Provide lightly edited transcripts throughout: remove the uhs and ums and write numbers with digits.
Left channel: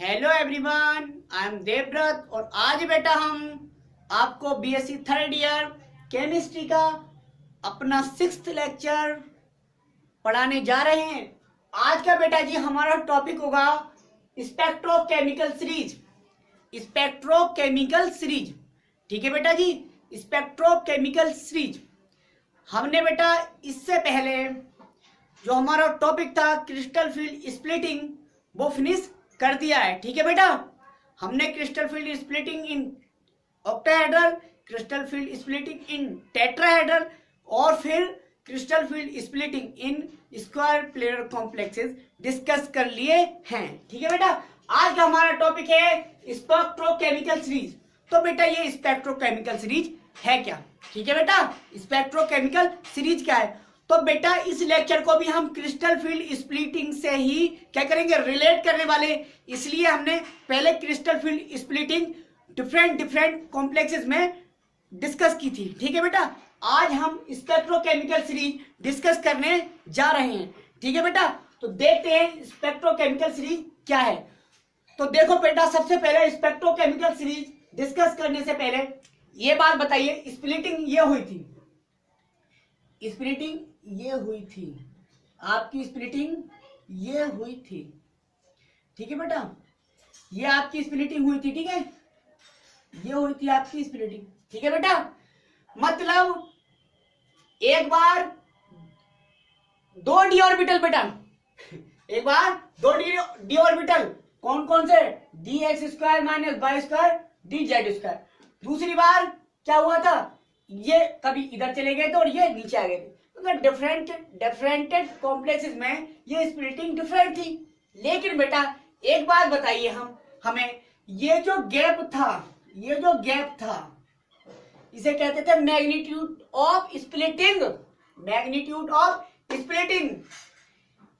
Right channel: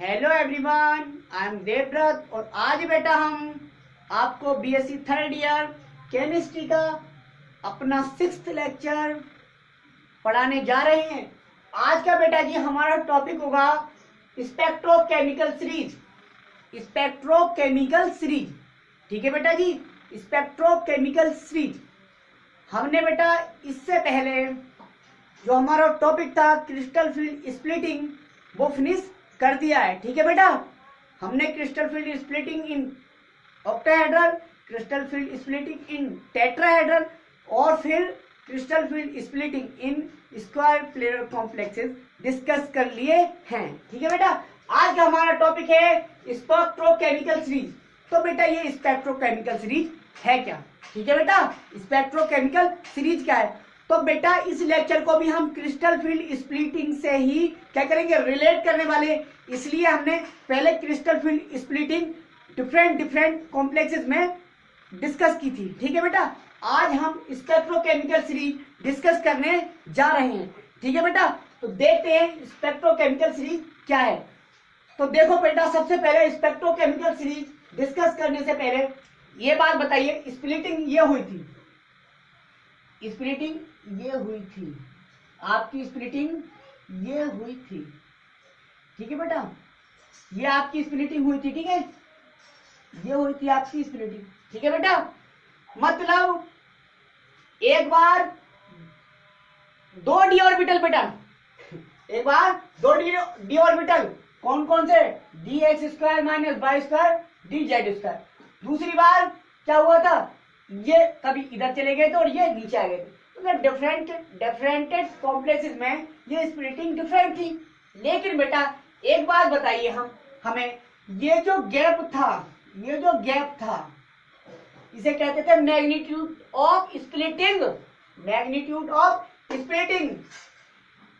Hello everyone, I am Devvrat और आज बेटा हम आपको बीएससी थर्ड ईयर केमिस्ट्री का अपना 6th लेक्चर पढ़ाने जा रहे हैं। आज का बेटा जी हमारा टॉपिक होगा स्पेक्ट्रोकेमिकल सीरीज। स्पेक्ट्रोकेमिकल सीरीज, ठीक है बेटा जी, स्पेक्ट्रोकेमिकल सीरीज। हमने बेटा इससे पहले जो हमारा टॉपिक था क्रिस्टल फील्ड स्प्लिटिंग वो फिनिश कर दिया है, ठीक है बेटा। हमने crystal field splitting in octahedral, crystal field splitting in tetrahedral और फिर crystal field splitting in square planar complexes discuss कर लिए हैं, ठीक है बेटा। आज का हमारा टॉपिक है स्पेक्ट्रोकेमिकल सीरीज। तो बेटा ये स्पेक्ट्रोकेमिकल सीरीज है क्या, ठीक है बेटा। स्पेक्ट्रोकेमिकल सीरीज क्या है, तो बेटा इस लेक्चर को भी हम क्रिस्टल फील्ड स्प्लिटिंग से ही क्या करेंगे, रिलेट करने वाले। इसलिए हमने पहले crystal field splitting different complexes में डिस्कस की थी, ठीक है बेटा। आज हम स्पेक्ट्रोकेमिकल सीरीज डिस्कस करने जा रहे हैं, ठीक है बेटा। तो देखते हैं स्पेक्ट्रोकेमिकल सीरीज क्या है। तो देखो बेटा, सबसे पहले स्पेक्ट्रोकेमिकल सीरीज डिस्कस करने से पहले ये बात बताइए, स्प्लिटिंग ये हुई थी, स्प्लिटिंग ये हुई थी, आपकी स्प्लिटिंग ये हुई थी, ठीक है बेटा। ये आपकी स्प्लिटिंग हुई थी, ठीक है, ये हुई थी आपकी स्प्लिटिंग, ठीक है बेटा। मतलब एक बार दो डी ऑर्बिटल बेटा, एक बार दो डी ऑर्बिटल, कौन कौन से, D X square minus Y square D Z square. दूसरी बार क्या हुआ था, ये कभी इधर चले गए थे और ये नीचे आ गए थे। मतलब डिफरेंटेड कॉम्प्लेक्सेस में ये स्प्लिटिंग डिफरेंट थी। लेकिन बेटा एक बात बताइए, हमें ये जो गैप था इसे कहते थे magnitude of splitting, magnitude of splitting.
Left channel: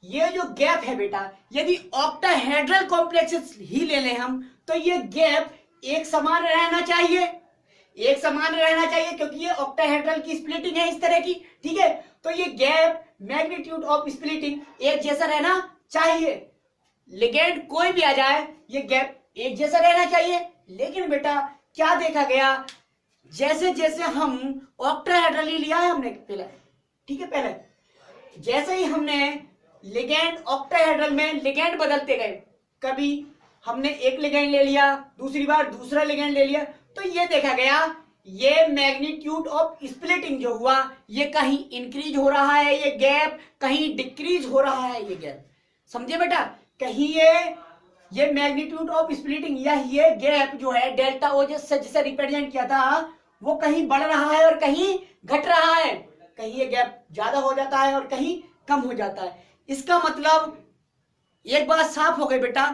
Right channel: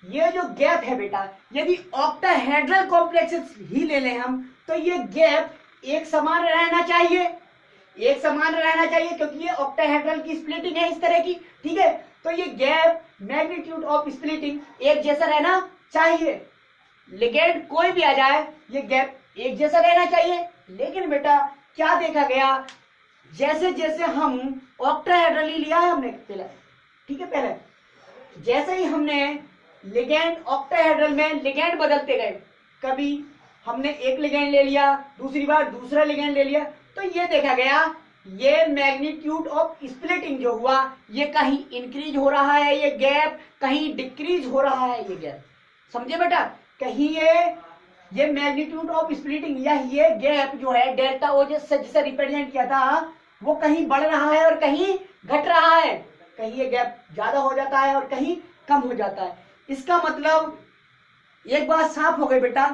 ये जो गैप है बेटा, यदि ऑक्टाहेड्रल कॉम्प्लेक्सेस ही ले लें हम, तो ये गैप एक समान रहना चाहिए, एक समान रहना चाहिए, क्योंकि ये ऑक्टाहेड्रल की स्प्लिटिंग है इस तरह की, ठीक है। तो ये गैप मैग्नीट्यूड ऑफ स्प्लिटिंग एक जैसा रहना चाहिए। लिगेंड कोई भी आ जाए ये गैप एक जैसा रहना चाहिए। लेकिन बेटा क्या देखा गया, जैसे जैसे हम ऑक्टाहेड्रल ही लिया है हमने पहले, ठीक है, पहले जैसे ही हमने लिगेंड ऑक्टाहेड्रल में लिगेंड बदलते गए, कभी हमने एक लिगेंड ले लिया, दूसरी बार दूसरा लिगेंड ले लिया, तो ये देखा गया ये मैग्नीट्यूड ऑफ स्प्लिटिंग जो हुआ ये कहीं इंक्रीज हो रहा है, ये गैप कहीं डिक्रीज हो रहा है, ये गैप, समझे बेटा। कहीं ये मैग्नीट्यूड ऑफ स्प्लिटिंग या ये गैप जो है डेल्टा ओ जिसे रिप्रेजेंट किया था वो कहीं बढ़ रहा है और कहीं घट रहा है, कहीं ये गैप ज्यादा हो जाता है और कहीं कम हो जाता है। इसका मतलब एक बात साफ हो गई बेटा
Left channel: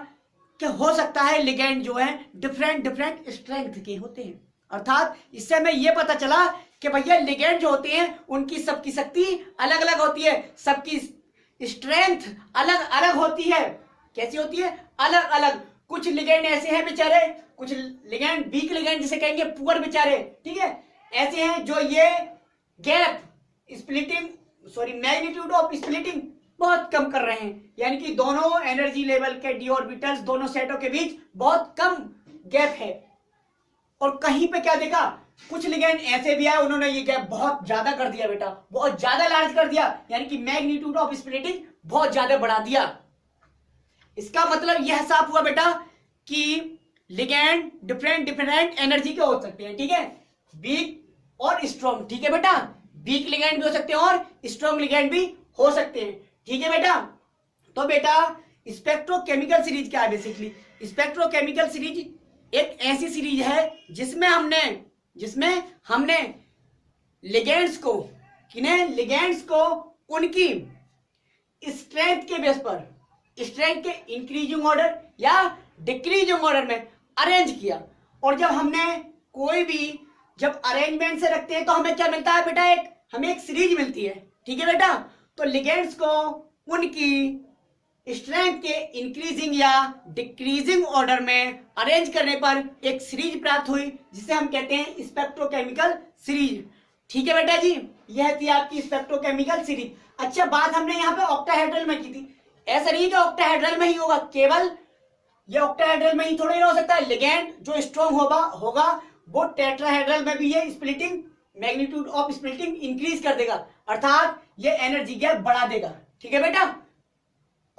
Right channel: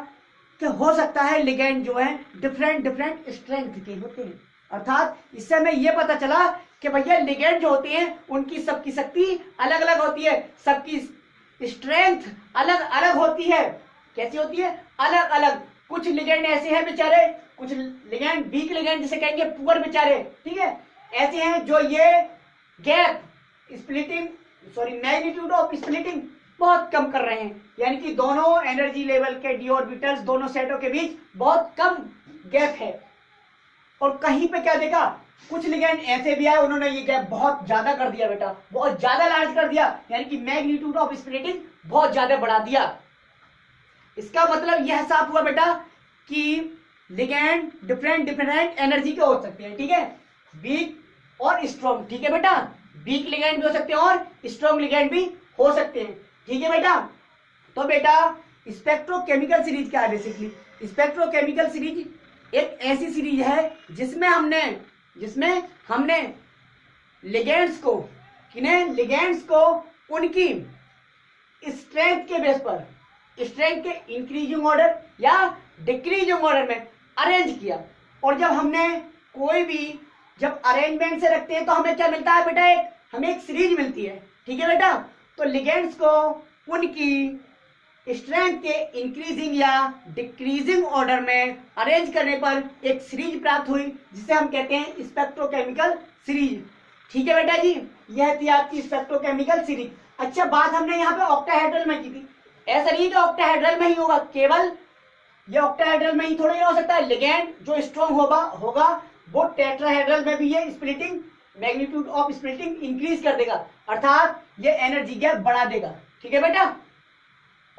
कि हो सकता है लिगेंड जो है डिफरेंट स्ट्रेंथ के होते हैं। अर्थात इससे हमें यह पता चला कि भैया लिगेंड जो होते हैं उनकी सबकी शक्ति अलग अलग होती है, सबकी स्ट्रेंथ अलग अलग होती है। कैसी होती है, अलग अलग। कुछ लिगेंड ऐसे हैं बेचारे, कुछ लिगेंड वीक लिगेंड जिसे कहेंगे पुअर बेचारे, ठीक है, ऐसे हैं जो ये gap splitting magnitude of splitting बहुत कम कर रहे हैं, यानी कि दोनों एनर्जी लेवल के डी ऑर्बिटल्स दोनों सेटों के बीच बहुत कम गैप है। और कहीं पे क्या देखा, कुछ लिगेंड ऐसे भी आए उन्होंने ये गैप बहुत ज्यादा कर दिया बेटा, बहुत ज्यादा लार्ज कर दिया, यानी कि मैग्नीट्यूड ऑफ स्प्लिटिंग बहुत ज्यादा बढ़ा दिया। इसका मतलब यह साफ हुआ बेटा कि लिगेंड डिफरेंट एनर्जी के हो सकते हैं, ठीक है, वीक और स्ट्रॉन्ग, ठीक है बेटा। वीक लिगेंड भी हो सकते हैं और स्ट्रॉन्ग लिगेंड भी हो सकते हैं, ठीक है बेटा। तो बेटा स्पेक्ट्रोकेमिकल सीरीज क्या है, बेसिकली स्पेक्ट्रोकेमिकल सीरीज एक ऐसी सीरीज है जिसमें हमने लिगेंड्स को उनकी स्ट्रेंथ के बेस पर, स्ट्रेंथ के इंक्रीजिंग ऑर्डर या डिक्रीजिंग ऑर्डर में अरेंज किया। और जब हमने कोई भी जब अरेंजमेंट से रखते हैं तो हमें क्या मिलता है बेटा, हमें एक सीरीज मिलती है, ठीक है बेटा। तो लिगेंड्स को उनकी स्ट्रेंथ के इंक्रीजिंग या डिक्रीजिंग ऑर्डर में अरेंज करने पर एक सीरीज प्राप्त हुई जिसे हम कहते हैं स्पेक्ट्रोकेमिकल सीरीज, ठीक है बेटा जी। यह थी आपकी स्पेक्ट्रोकेमिकल सीरीज। अच्छा, बात हमने यहाँ पे ऑक्टाहेड्रल में की थी, ऐसा नहीं है कि ऑक्टाहेड्रल में ही होगा, केवल ये ऑक्टाहेड्रल में ही थोड़ी ना हो सकता है। लिगैंड जो स्ट्रॉन्ग होगा वो टेट्राहेड्रल में भी ये splitting magnitude of splitting increase कर देगा, अर्थात ये एनर्जी गैप बढ़ा देगा। ठीक है बेटा,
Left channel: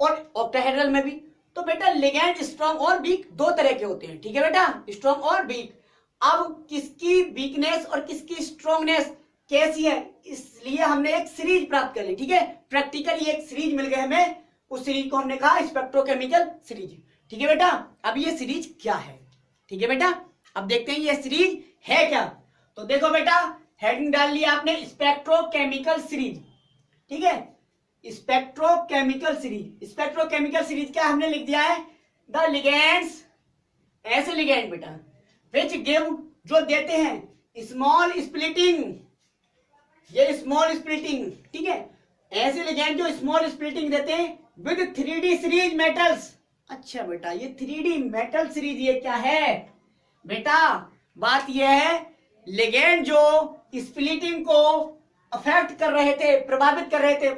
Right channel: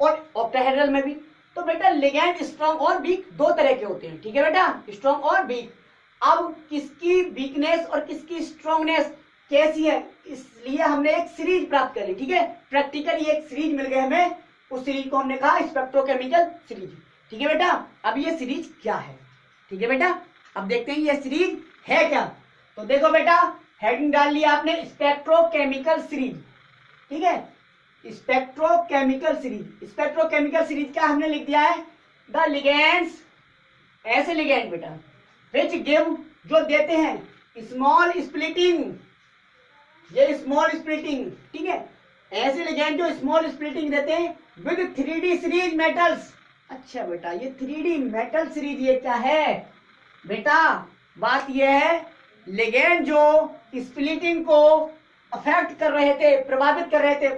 और ऑक्टाहेड्रल में भी। तो बेटा लिगैंड स्ट्रॉन्ग और वीक दो तरह के होते हैं। ठीक है बेटा, स्ट्रॉन्ग और वीक। अब किसकी वीकनेस और किसकी स्ट्रॉन्गनेस कैसी है, इसलिए हमने एक सीरीज प्राप्त कर ली। ठीक है, प्रैक्टिकली एक सीरीज मिल गई हमें, उस सीरीज को हमने कहा स्पेक्ट्रोकेमिकल सीरीज। ठीक है बेटा, अब ये सीरीज क्या है? ठीक है बेटा, अब देखते हैं ये सीरीज है क्या। तो देखो बेटा, हेडिंग डाल लिया आपने स्पेक्ट्रोकेमिकल सीरीज। ठीक है, स्पेक्ट्रोकेमिकल सीरीज। स्पेक्ट्रोकेमिकल सीरीज क्या हमने लिख दिया है, द लिगेंड्स, ऐसे लिगेंड बेटा विच गिव, जो देते हैं स्मॉल स्प्लिटिंग, ये स्मॉल स्प्लिटिंग। ठीक है, ऐसे लिगेंड जो स्मॉल स्प्लिटिंग देते हैं विद 3D सीरीज मेटल्स। अच्छा बेटा, ये 3D मेटल सीरीज ये क्या है बेटा? बात ये है लिगेंड जो स्प्लिटिंग को अफेक्ट कर रहे थे, प्रभावित कर रहे थे,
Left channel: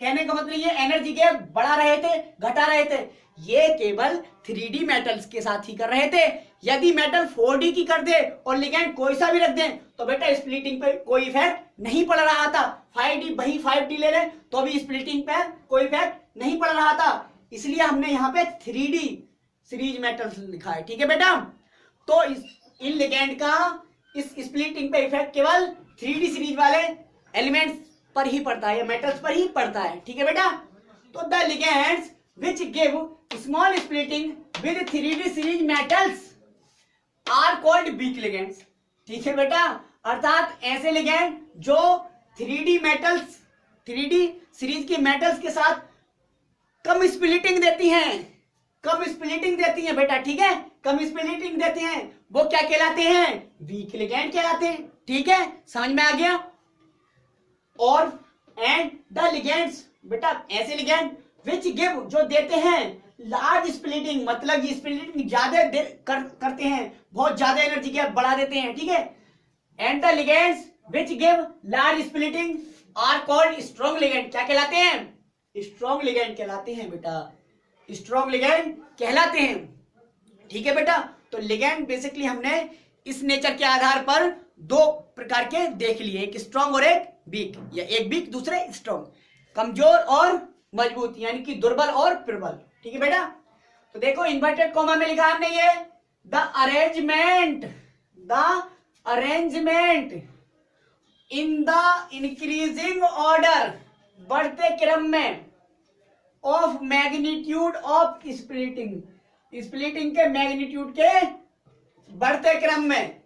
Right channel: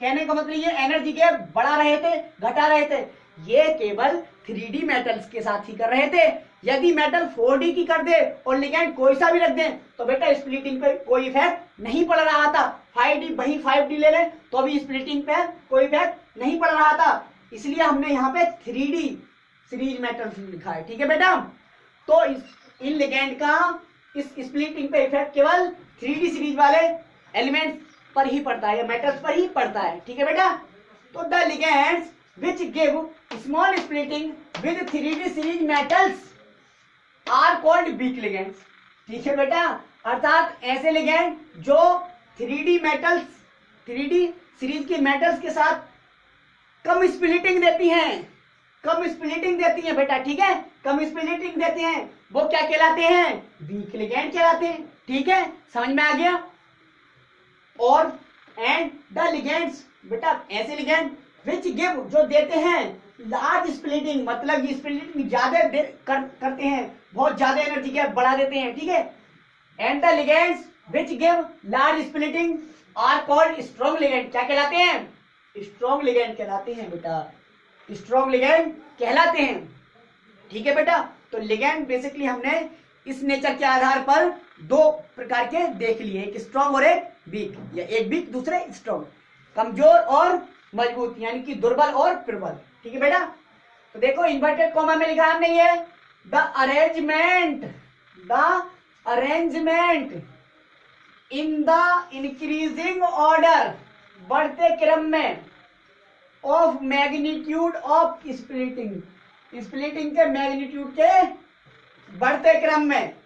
कहने का मतलब ये एनर्जी गैप बढ़ा रहे थे, घटा रहे थे, ये केवल 3D मेटल्स के साथ ही कर रहे थे। यदि मेटल 4D की कर दे और लिगेंड कोई सा भी रख दे तो बेटा स्प्लिटिंग पे कोई इफेक्ट नहीं पड़ रहा था। 5D वही 5D ले ले तो भी स्प्लिटिंग पे कोई इफेक्ट नहीं पड़ रहा था, इसलिए हमने यहाँ पे 3D सीरीज मेटल्स लिखा है। ठीक है बेटा, तो इन लिगेंड का इस स्प्लिटिंग पे इफेक्ट केवल 3D सीरीज वाले एलिमेंट्स पर ही पड़ता है, या मेटल्स पर ही पड़ता है। ठीक है बेटा, तो the ligands which give small splitting with 3D series metals are called weak ligands। ठीक है बेटा, अर्थात ऐसे लिगेंड जो 3D मेटल्स, 3D सीरीज की मेटल्स के साथ कम स्प्लिटिंग देती हैं, कम स्प्लिटिंग देती हैं बेटा। ठीक है, कम स्प्लिटिंग देते हैं, वो क्या कहलाते हैं? वीक लिगेंड कहलाते हैं। ठीक है, समझ में आ गया। और एंड द लिगेंड्स बेटा, ऐसे लिगेंड विच गिव, जो देते हैं लार्ज स्प्लिटिंग, मतलब ये स्प्लिटिंग ज्यादा करते हैं, बहुत ज्यादा एनर्जी गैप बढ़ा देते हैं। ठीक है, and the ligands which give large splitting are called strong ligand. क्या कहलाते हैं? स्ट्रॉन्ग लिगेंड कहलाते हैं बेटा, स्ट्रॉन्ग लिगेंड कहलाते हैं। ठीक है बेटा, तो लिगेंड बेसिकली हमने इस नेचर के आधार पर दो प्रकार के देख लिए, एक स्ट्रॉन्ग और एक वीक, या एक वीक दूसरे स्ट्रॉन्ग, कमजोर और मजबूत, यानी कि दुर्बल और प्रबल। ठीक है बेटा, तो देखो इन्वर्टेड कॉमा में लिखा हमने ये the arrangement in the increasing order, बढ़ते क्रम में, of magnitude of splitting, splitting के मैग्नीट्यूड के बढ़ते क्रम में,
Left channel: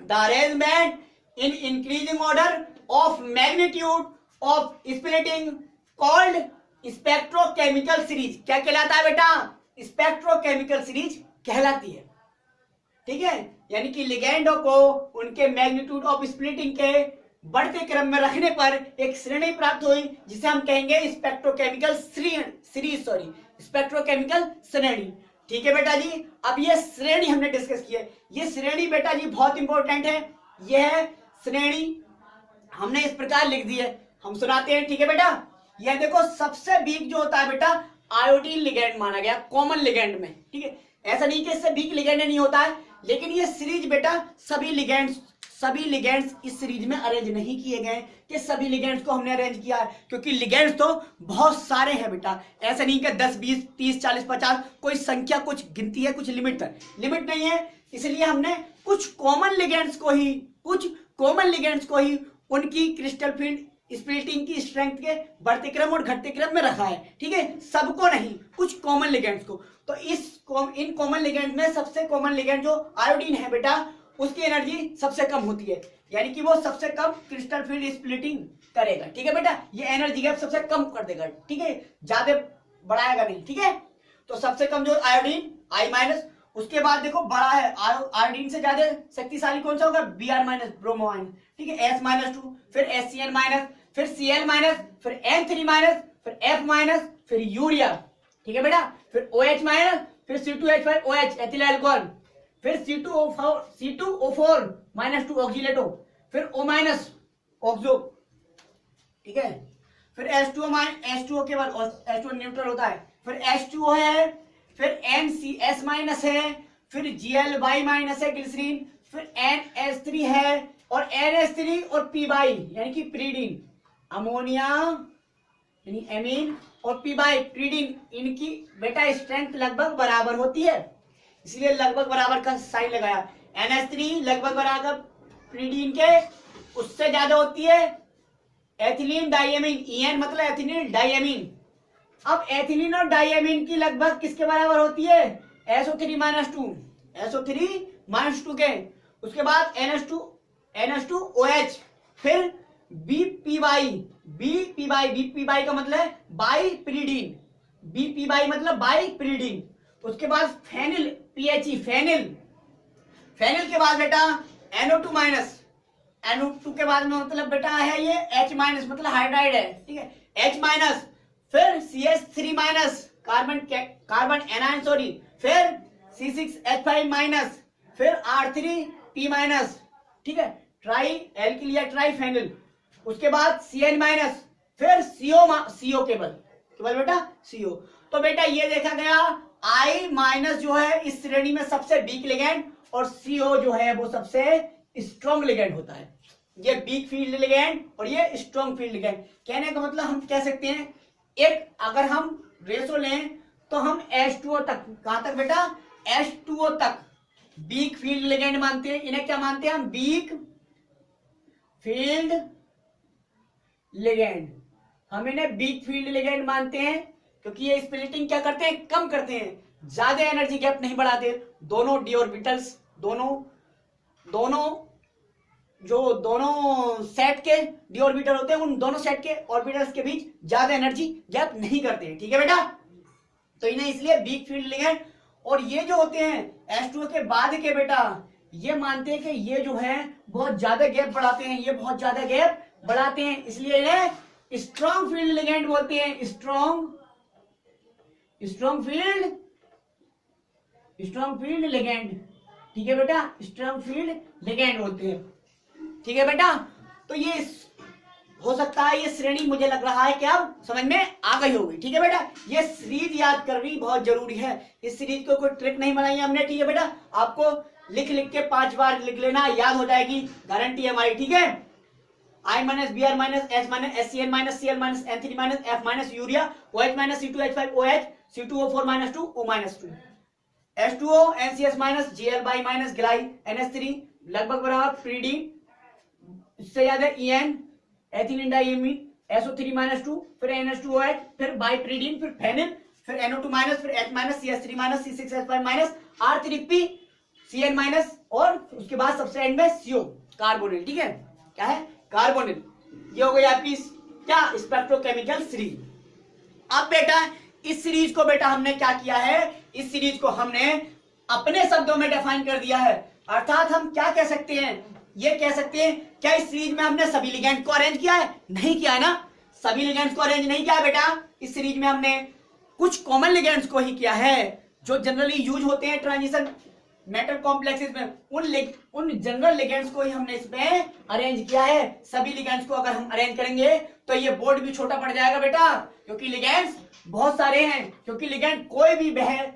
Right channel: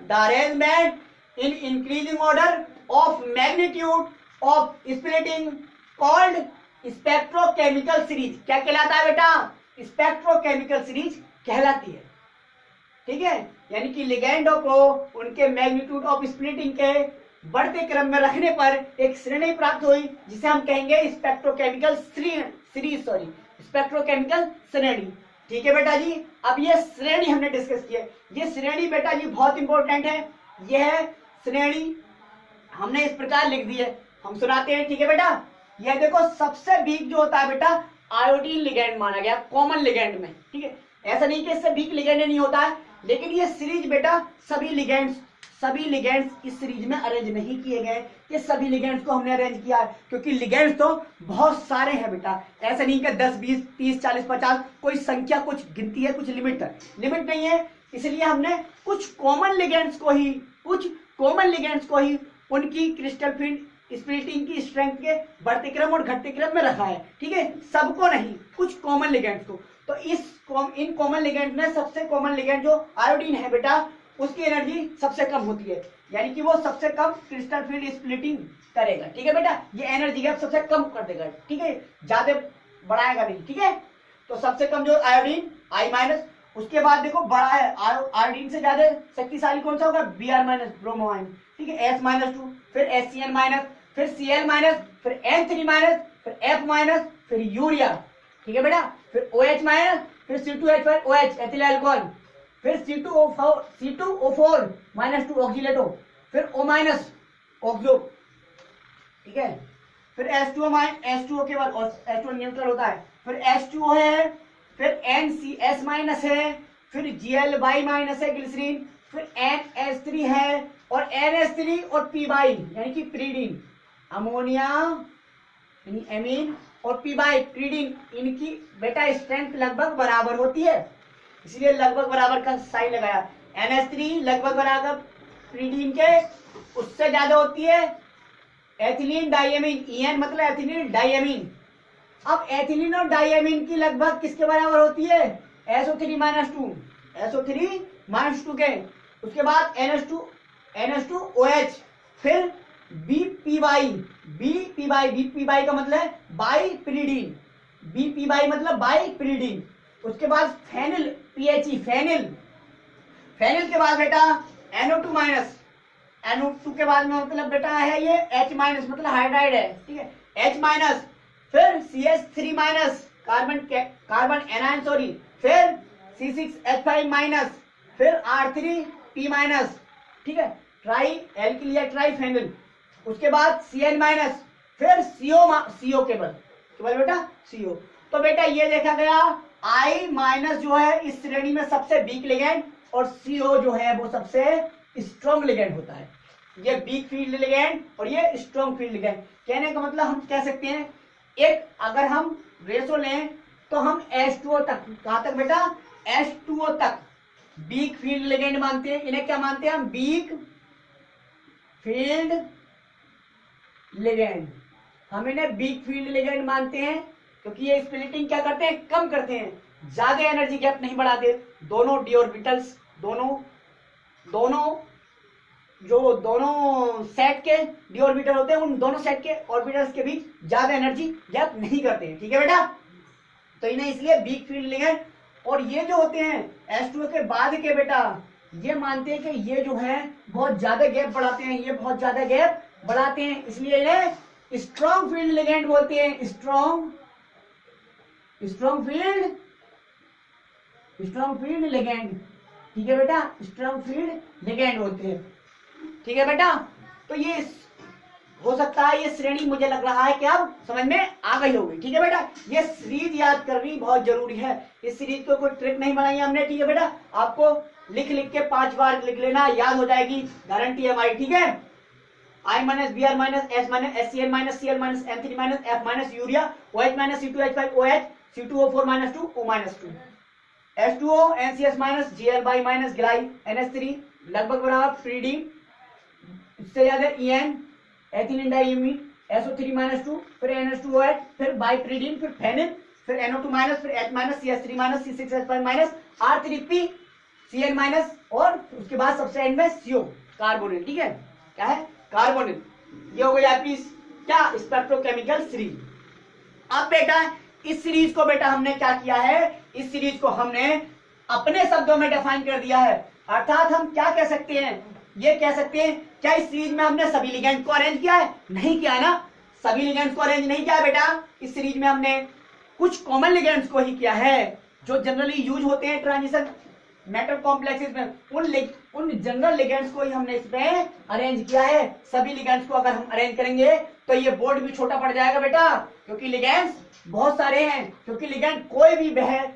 the arrangement in increasing order of magnitude of splitting called spectrochemical series. क्या कहलाता है बेटा? स्पेक्ट्रोकेमिकल सीरीज कहलाती है। ठीक है, यानी कि लिगेंडों को उनके मैग्नीट्यूड ऑफ स्प्लिटिंग के बढ़ते क्रम में रखने पर एक श्रेणी प्राप्त हुई, जिसे हम कहेंगे स्पेक्ट्रोकेमिकल सीरीज, स्पेक्ट्रोकेमिकल श्रेणी। ठीक है बेटा जी, अब ये श्रेणी हमने डिस्कस की है। ये श्रेणी बेटा जी बहुत इंपॉर्टेंट है। यह श्रेणी हमने इस प्रकार लिख दी है, हम सुनाते हैं। ठीक है बेटा, यह देखो सबसे वीक जो होता है बेटा आयोडीन लिगेंड माना गया कॉमन लिगेंड में। ठीक है, ऐसा नहीं कि इससे वीक लिगेंड नहीं होता है, लेकिन ये सीरीज बेटा सभी लिगेंड्स इस सीरीज में अरेंज नहीं किए गए कि सभी लिगेंड्स को हमने अरेंज किया है, क्योंकि लिगेंड्स तो बहुत सारे हैं बेटा। ऐसा नहीं कि 10 20 30 40 50 कोई संख्या, कुछ गिनती है, कुछ लिमिट नहीं है। इसलिए हमने कुछ कॉमन लिगेंड्स को ही उनकी क्रिस्टल फील्ड स्प्लिटिंग की स्ट्रेंथ के बढ़ते क्रम और घटते क्रम में रखा है। ठीक है, सबको नहीं, कुछ कॉमन लिगेंड्स को। तो इन कॉमन लिगेंड में सबसे कॉमन लिगेंड जो आयोडीन है बेटा, उसकी एनर्जी सबसे कम होती है, यानी कि वो सबसे कम क्रिस्टल फील्ड स्प्लिटिंग करेगा। ठीक है बेटा, ये एनर्जी गैप सबसे कम कर देगा। ठीक है, ज्यादा बढ़ाएगा नहीं। ठीक है, तो सबसे कम जो आयोडीन I-, उसके बाद देखो बड़ा है आयोडीन से ज्यादा शक्तिशाली कौन सा होगा? Br-, bromo ion. ठीक है, S-2, फिर HCl-, फिर Cl-, फिर N3-, फिर F-, फिर यूरिया। ठीक है बेटा, फिर OH-, फिर C2H5OH एथिल अल्कोहल, फिर C2O4-2 ऑक्सीलेटो, फिर O- ऑक्सो। ठीक है, फिर H2O के बाद H2O न्यूट्रल होता है, फिर H2O है, फिर NCS माइनस है, फिर Gly माइनस है ग्लिसरीन, फिर NH3 है और NH3 और Py यानी कि प्रीडीन, अमोनिया यानी एमीन और Py प्रीडीन, इनकी बेटा स्ट्रेंथ लगभग बराबर होती है, इसलिए लगभग बराबर का साइन लगाया। NH3 लगभग बराबर प्रीडीन के उससे ज्यादा होती है एथिलीन डाइएमीन, EN मतलब एथिलीन डाइएमीन। अब एथिलीन और डाइएमीन की लगभग किसके बराबर होती है? SO3-2, SO3-2 के। उसके बाद NH2OH, फिर BPy का मतलब है बाइप्रीडीन, BPy मतलब बाइप्रीडीन। उसके बाद फेनिल, PHE फेनिल, फेनिल के बाद बेटा NO2-, NO2 के बाद में मतलब बेटा है ये H- मतलब हाइड्राइड है, ठीक है, H-, फिर CH3-, कार्बन एनायन सॉरी, फिर C6H5-, फिर R3P-, ठीक है, ट्राई एल्किल या ट्राई फेनिल। उसके बाद CN-, फिर CO केवल बेटा CO। तो बेटा ये देखा गया I- जो है इस श्रेणी में सबसे वीक लिगेंड और CO जो है वो सबसे स्ट्रॉन्ग लिगेंड होता है। ये वीक फील्ड लिगेंड और ये स्ट्रॉन्ग फील्ड लिगेंड। कहने का मतलब हम कह सकते हैं एक अगर हम रेशो लें तो हम H2O तक, कहां तक बेटा? H2O तक वीक फील्ड लिगेंड मानते हैं। इन्हें क्या मानते हैं हम? Weak field ligand. हम इन्हें वीक फील्ड लिगेंड मानते हैं क्योंकि ये स्प्लिटिंग क्या करते हैं? कम करते हैं, ज्यादा एनर्जी गैप नहीं बढ़ाते। दोनों डी ऑर्बिटल्स, दोनों सेट के डी ऑर्बिटल होते हैं, उन दोनों सेट के ऑर्बिटल्स के बीच ज्यादा एनर्जी गैप नहीं करते हैं, ठीक है बेटा। तो इन्हें इसलिए वीक फील्ड लिगेंड। और ये जो होते हैं H2O के बाद के बेटा, ये मानते हैं कि ये जो है बहुत ज्यादा गैप बढ़ाते हैं, ये बहुत ज्यादा गैप बढ़ाते हैं, इसलिए इन्हें स्ट्रॉन्ग फील्ड लिगेंड बोलते हैं। स्ट्रॉन्ग फील्ड लिगेंड, ठीक है बेटा, स्ट्रॉन्ग फील्ड लिगेंड बोलते हैं, ठीक है बेटा। तो ये हो सकता है ये श्रेणी मुझे लग रहा है कि अब समझ में आ गई होगी, ठीक है बेटा। ये सीरीज याद करनी बहुत जरूरी है, इस सीरीज को कोई ट्रिक नहीं बनाई हमने, ठीक है बेटा। आपको लिख के 5 बार लिख लेना, याद हो जाएगी, गारंटी है हमारी, ठीक है। I- Br- S- HCl- Cl- N3- F- urea, OH- C2H5OH, C2O4- 2 O-2, H2O NCS-, Gly- NH3 लगभग बराबर प्रीडीन, इससे ज्यादा EN एथिलीन डाइएमीन, SO3-2, फिर NH2OH, फिर बाइप्रीडीन, फिर फेनिल, फिर NO2-, फिर H-, CH3-, C6H5-, R3P, CN-, और उसके बाद सबसे एंड में CO कार्बोनिल, ठीक है। क्या है? कार्बोनिल। ये हो गई आपकी क्या? Spectrochemical series. अब बेटा इस सीरीज को बेटा हमने क्या किया है? इस सीरीज को हमने अपने शब्दों में डिफाइन कर दिया है। अर्थात हम क्या कह सकते हैं? ये कह सकते हैं क्या इस सीरीज में हमने सभी लिगेंड को अरेंज किया है? नहीं किया है ना, सभी लिगेंड्स को अरेंज नहीं किया है बेटा। इस सीरीज में हमने कुछ कॉमन लिगेंड्स को ही किया है जो जनरली यूज होते हैं ट्रांजिशन मेटल कॉम्प्लेक्सेस में, उन जनरल लिगेंड्स को ही हमने इसमें अरेंज किया है। सभी लिगेंड्स को अगर हम अरेंज करेंगे तो ये बोर्ड भी छोटा पड़ जाएगा बेटा, क्योंकि लिगेंड्स बहुत सारे हैं। क्योंकि लिगेंड कोई भी वह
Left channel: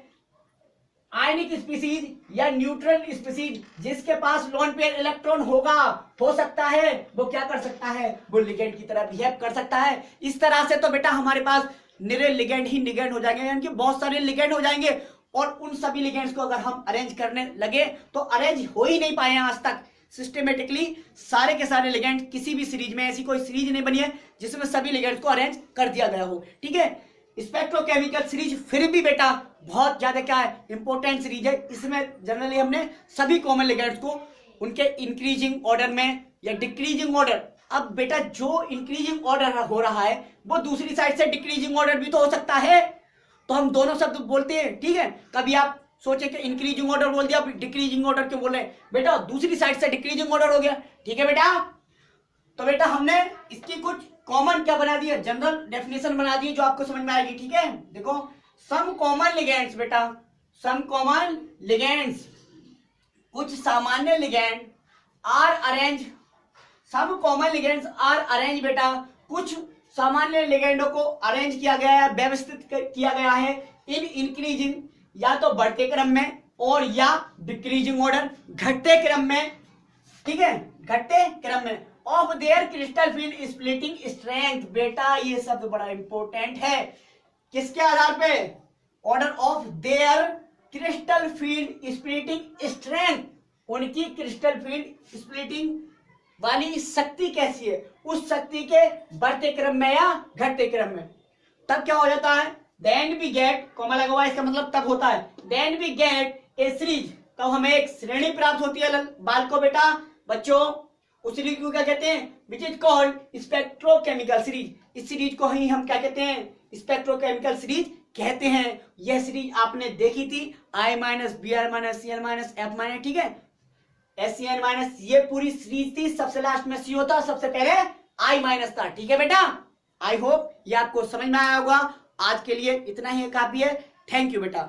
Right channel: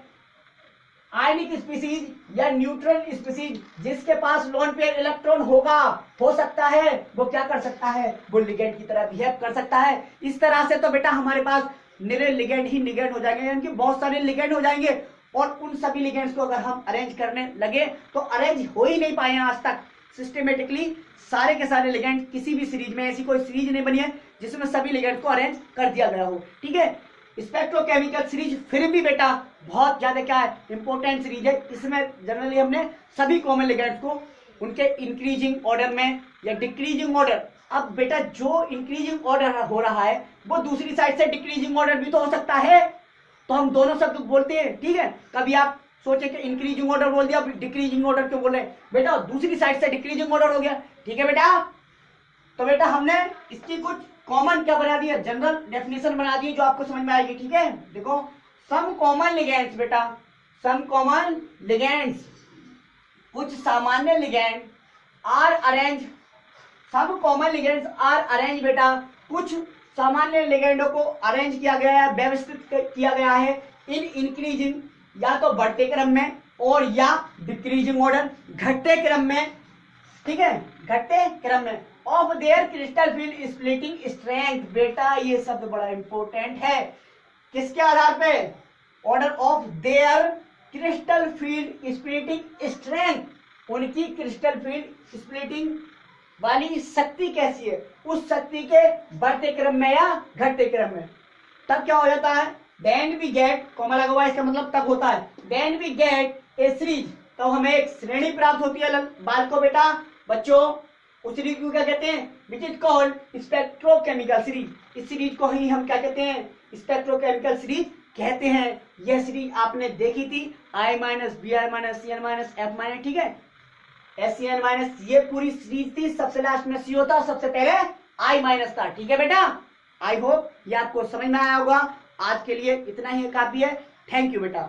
आयनिक स्पीसीज या न्यूट्रल स्पीसीज जिसके पास लोन पेयर इलेक्ट्रॉन होगा, हो सकता है वो क्या कर सकता है? वो लिगेंड की तरह बिहेव कर सकता है। इस तरह से तो बेटा हमारे पास निरे लिगेंड ही लिगेंड हो जाएंगे, यानी कि बहुत सारे लिगेंड हो जाएंगे। और उन सभी लिगेंड्स को अगर हम अरेंज करने लगे तो अरेंज हो ही नहीं पाए हैं आज तक सिस्टमेटिकली। सारे के सारे लिगेंड किसी भी सीरीज में ऐसी कोई सीरीज नहीं बनी है जिसमें सभी लिगेंड्स को अरेंज कर दिया गया हो, ठीक है। स्पेक्ट्रोकेमिकल सीरीज फिर भी बेटा बहुत ज्यादा क्या है? इंपॉर्टेंट सीरीज है। इसमें जनरली हमने सभी कॉमन लिगेंड्स को उनके इंक्रीजिंग ऑर्डर में या डिक्रीजिंग ऑर्डर। अब बेटा जो इंक्रीजिंग ऑर्डर हो रहा है वो दूसरी साइड से डिक्रीजिंग ऑर्डर भी तो हो सकता है, तो हम दोनों शब्द बोलते हैं, ठीक है। कभी आप सोचे कि इंक्रीजिंग ऑर्डर बोल दिया, डिक्रीजिंग ऑर्डर क्यों बोल रहे हैं? बेटा दूसरी साइड से डिक्रीजिंग ऑर्डर हो गया, ठीक है बेटा। तो बेटा हमने इसकी कुछ कॉमन क्या बना दिया? जनरल डेफिनेशन बना दी जो आपको समझ में आएगी, ठीक है। देखो सम कॉमन लिगेंड्स बेटा, सम कॉमन लिगेंड्स, कुछ सामान्य ligand are arrange, some common ligands are arrange बेटा, कुछ सामान्य लिगेंडों को अरेंज किया गया है, व्यवस्थित किया गया है इन इंक्रीजिंग या तो बढ़ते क्रम में और या डिक्रीजिंग ऑर्डर, घटते क्रम में, ठीक है, घटते क्रम में of their crystal field splitting strength. बेटा ये शब्द बड़ा इंपॉर्टेंट है, किसके आधार पे, order of their crystal field splitting strength, उनकी क्रिस्टल फील्ड स्प्लिटिंग वाली शक्ति कैसी है, उस शक्ति के बढ़ते क्रम में या घटते क्रम में। तब क्या हो जाता है, देन वी गेट, कॉमा लगा हुआ है, इसका मतलब तब होता है, then we get a series, तब हमें एक श्रेणी प्राप्त होती है बालकों, बेटा बच्चों, उस सीरीज को क्या कहते हैं, which is called spectrochemical series. इस सीरीज को ही हम क्या कहते हैं, स्पेक्ट्रोकेमिकल सीरीज कहते हैं। यह सीरीज आपने देखी थी, I minus B R minus C N minus F minus, ठीक है, एस सी एन माइनस, ये पूरी सीरीज थी, सबसे लास्ट में सी होता, सबसे पहले I माइनस था, ठीक है बेटा। आई होप ये आपको समझ में आया होगा। आज के लिए इतना ही काफी है। थैंक यू बेटा।